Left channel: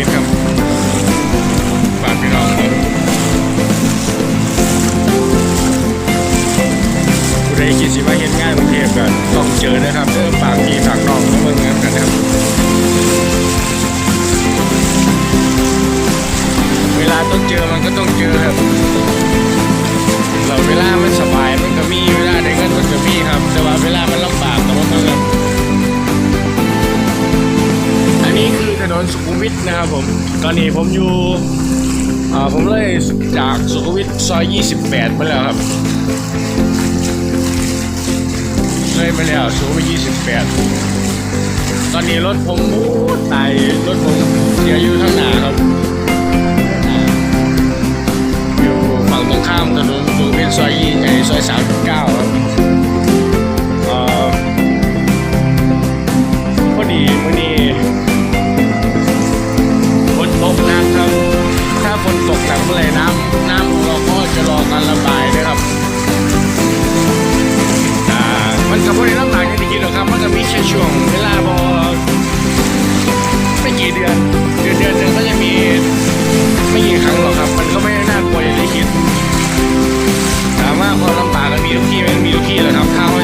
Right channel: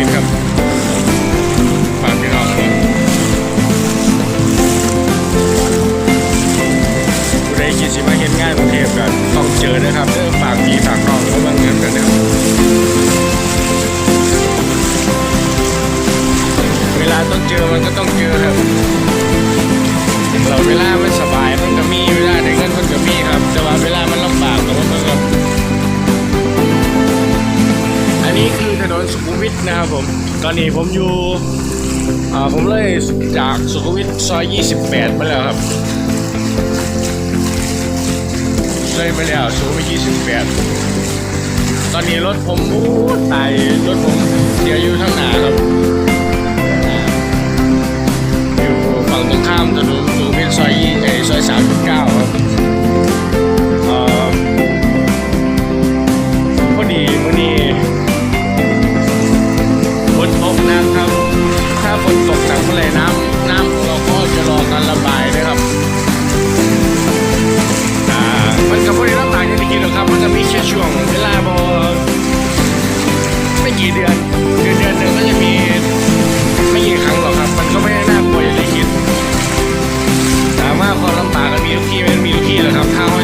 มิตรครับฝากพี่น้องครับผู้ใดคิดสิมาเห็นงานกรุงเทพกันต้องเจอนะครับเด้อฝากพี่ฝากน้องเขาเมืองกันนะครับ เวลาต้องเจอมันก็ต้องเจอครับเราเวลามันสบายมันก็มีเวลาได้เงินมันก็มีครับ แต่ว่าเวลามันลำบากกับว่ามึงครับ นนี้คือถนนสุขุมวิทนะครับผม ตอนนี้ผมอยู่ผมเลยจากสุขุมวิทซอย 28 มาแล้วครับ เลยมาแล้วสุขุมวิท28 ตอนนี้รถผมโอ้ตายรถผมเสียอยู่ข้างหน้าครับ อยู่ฝั่งตรงข้ามถนนสุขุมวิทซอยยี่เอซอยสามเก้าครับพอดีมื่อนี้ นตกนักครับ ถ้าฝนตกหนักเมื่อไหรน้ำน้ำของเราก็จะรอการระบายนะครับอ่ามันก็บ่ได้ลำบากอย่างที่คิดหรอกครับ มันก็มีแค่ช่วงเวลาบอไม่กี่เดือนเดือนเดือนหนึ่งก็จะมีไม่กี่ครั้งหรอกครับ มันก็ไม่ได้น่ากลัวอย่างที่คิดถามว่าความลำบากกันมีทุกที่มมันมีทุกที่แหละครับถ้าเขา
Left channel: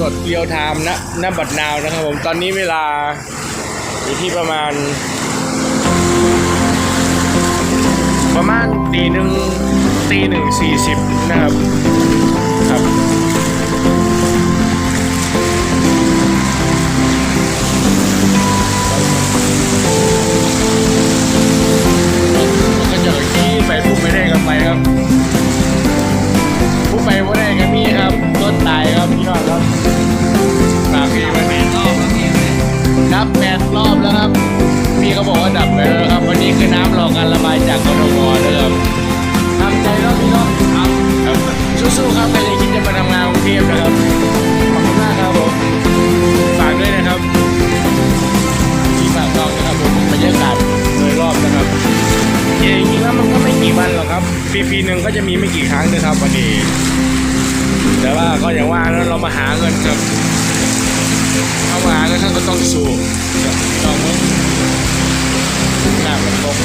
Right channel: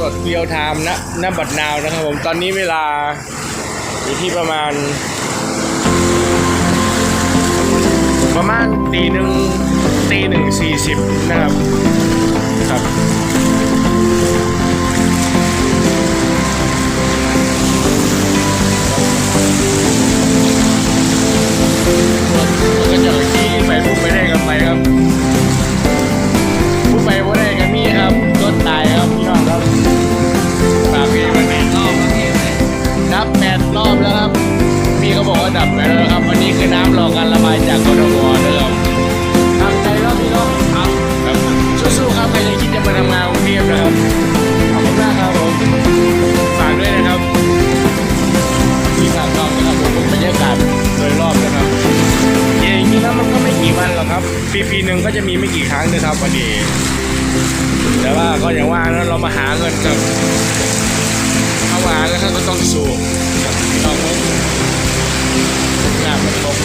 สดๆเรียวไทม์นะณบัดนาวนะครับผมตอนนี้เวลาอยู่ที่ประมาณ ประมาณตีหนึ่งตีหนึ่งสี่สิบนะครับครับมันก็จะขี้ไปพูดไปได้กันไปครับพูดไปว่าได้กันมีครับ นตายครับพี่น้องครับฝากพี่วันนี้รอบแล้วพี่เลยนับแปดรอบแล้วครับ พี่เขาบอกว่าดับไปแล้วครับ วันนี้คือน้ำรอการระบายจากกทมนะครับทำใจแล้วพี่น้องครับครับสู้ๆครับใครจะคิดจะมาทำงานกรุงเทพนะครับขอบคุณมากครับผมฝากด้วยนะครับที่ฝากน้องนะครับผมบรรยากาศโดยรอบนะครับจริงๆแล้วมันก็ไม่กี่วันหรอกครับ ปีปีหนึ่งก็จะมีไม่กี่ครั้งนะครับวันนี้ แต่ว่าก็อย่างว่านะเรามาหาเงินครับเข้ามาแล้วท่านก็ต้องสู้กับพี่น้องมึงงานมันตก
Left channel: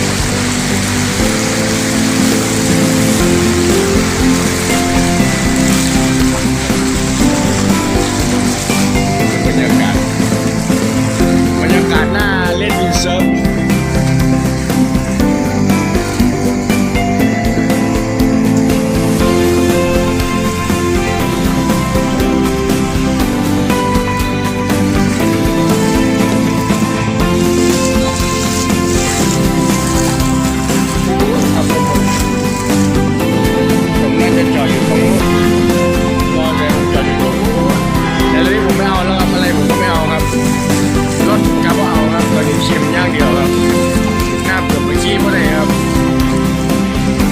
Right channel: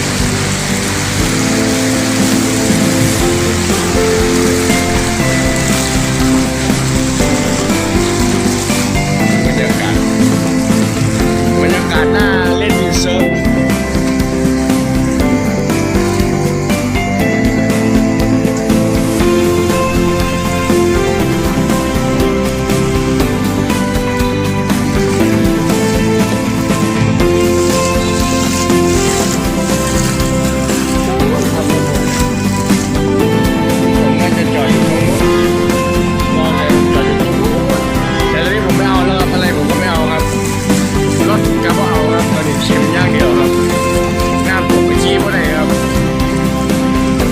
มไปชี้เพราะไหนครับ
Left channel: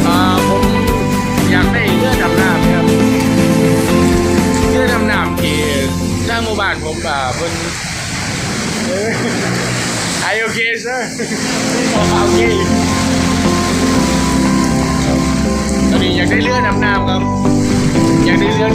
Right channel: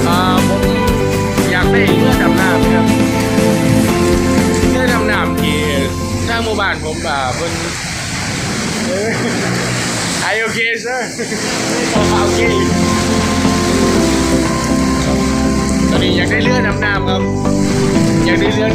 อ่าผมอยากได้เลือดำน้ำนะครับเลือดำน้ำที่ทางหมู่บ้านผมอ่าเพิ่นเอ้ย Are you okay sir โอเคตอนนี้อยากได้เลือดำน้ำครับ อยากได้เลือ